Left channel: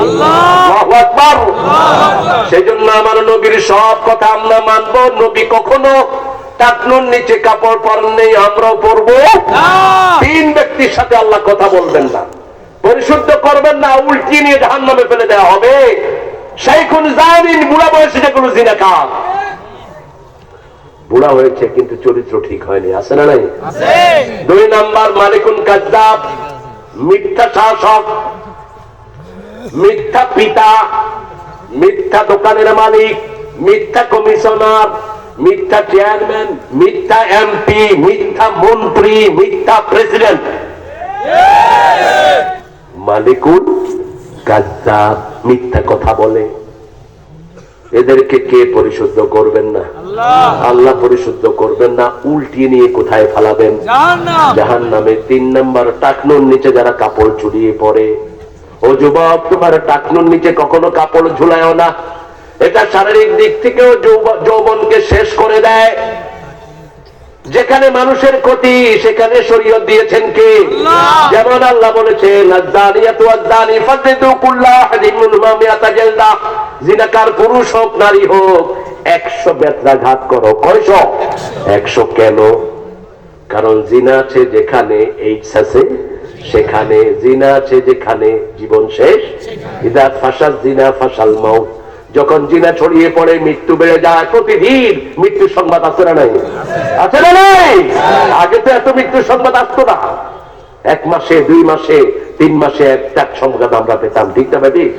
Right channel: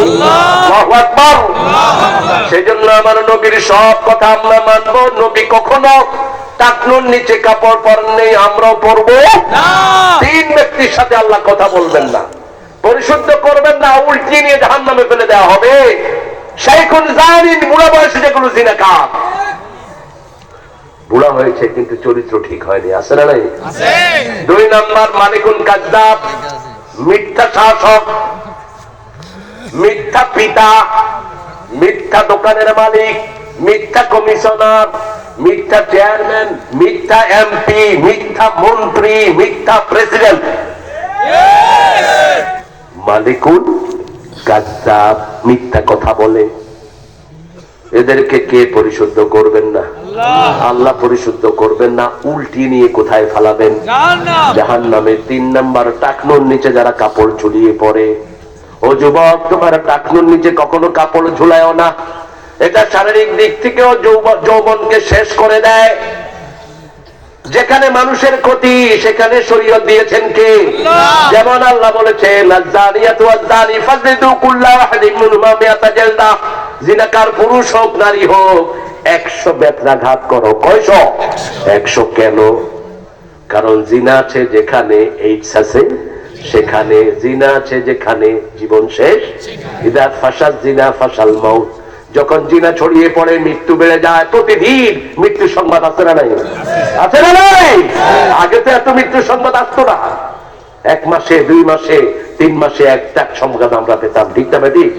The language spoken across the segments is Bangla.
আল্লাহু আকবার। সেজন্য আমার নবীর সব কথা আমরা মানব। নবী কখনো টাকনুর নিচে কাপড় পরেন নেই, আমরাও পরবো না। তিন ব্যক্তির সাথে আল্লাহ কথা বলবেন না, পরিশুদ্ধ করবেন না, উল্টিয়ে নিয়ে জাহান্নামে ফেলে দেওয়া হবে। শাইখুন জানিন, বুড়া বয়সে যেগুলো জিনাকার, বুড়া হয়েছে কিন্তু চরিত্র ঠিক হয়নি, আছে না নাই? দুই নাম্বার মালিকুন কাযযাব, মিথ্যা শাসক, মিথ্যা পিতা, মিথ্যা দোকানের মালিক, মিথ্যা কমিশনার, মিথ্যা চেয়ারম্যান, মিথ্যা এমপি, মিথ্যা মন্ত্রী, মিথ্যা প্রেসিডেন্ট। মালিকুন কাযযাব, মিথ্যা কথা বলে। এদেরকে কে পরিশুদ্ধ করবেন না? আল্লাহ পরিশুদ্ধ করবেন না, উল্টিয়ে নিয়ে কোথায় ফালাবেন? জাহান্নামে। তিন নাম্বার, টাকনুর নিচে যারা কাপড় ঝুলিয়ে পড়ে। ও যুবক, তোমার টাকনুর নিচে কখনো কাপড় ঝুলায়ও না। এটা শারীরিক দিক থেকেও যৌবনকে শেষ করে দেয়। যেখানে মানুষের ক্ষতি সেখানে শরীয়ত দিয়েছেন কে? যেমন আল্লাহ বলেছেন, আয-যানিয়াতু ওয়াজ-যানি ফাজলিদু কুল্লা ওয়াহিদিন মিনহুমা মিআতা জালদা। জিনাকার পুরুষ হোক নারী হোক 100 বেত্রাঘাত করো। কয়শ? 100। কেন? কারণ জিনা আছে যেখানে এইডস আছে সেখানে, জিনা আছে যেখানে জীবন শেষ। ইযা ফাশাজ জিনা ফাশাল মাউত। যখন জিনা ছড়িয়ে পড়ে মৃত্যু বেড়ে যায়। প্রতিদিন মৃত্যু সংবাদ আছে না নাই? আছে না নাই? আগে তো এত মৃত্যু সংবাদ আসতো না। 1 মাসে 2 মাসে 3 মাসে একটা সংবাদ আমরা পেতাম, ঠিক না ঠিক?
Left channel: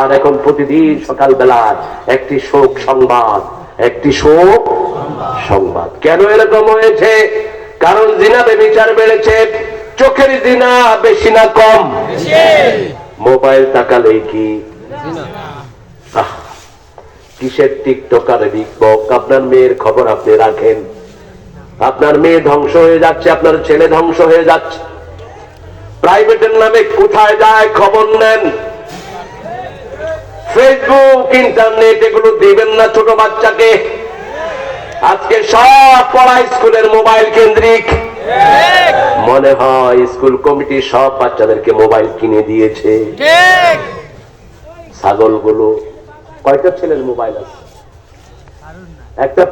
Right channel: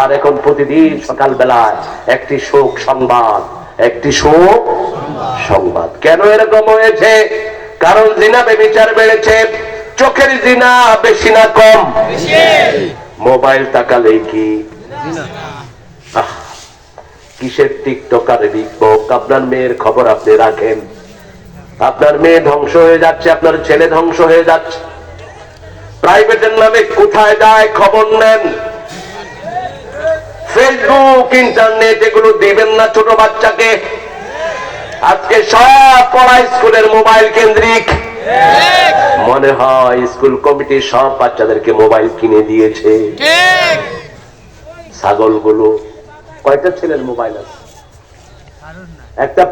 আর এখন প্রতিদিন সকালবেলায় একটি শোক সংবাদ, একটি শোক সংবাদ। কেন এরকম হয়েছে? কারণ জিনা ব্যভিচার বেড়েছে। চোখের জিনা বেশি না কম? মোবাইল তাকালেই কি কিসের টিকটকারে লিখবক? আপনার মেয়ের খবর আপনি রাখেন। আপনার মেয়ে ধ্বংস হয়ে যাচ্ছে, আপনার ছেলে ধ্বংস হয়ে যাচ্ছে। প্রাইভেটের নামে কোথায় যায় খবর নেন। ফেসবুক, ইন্টারনেট এগুলো দিবেন না ছোট বাচ্চাকে। আজকে সব পড়া স্কুলের মোবাইল কেন্দ্রিক। মনে হয় স্কুল কমিটি সব বাচ্চাদেরকে মোবাইল কিনে দিয়েছে। ছাগলগুলো, কয়টা ছেলের মোবাইল আছে? একটা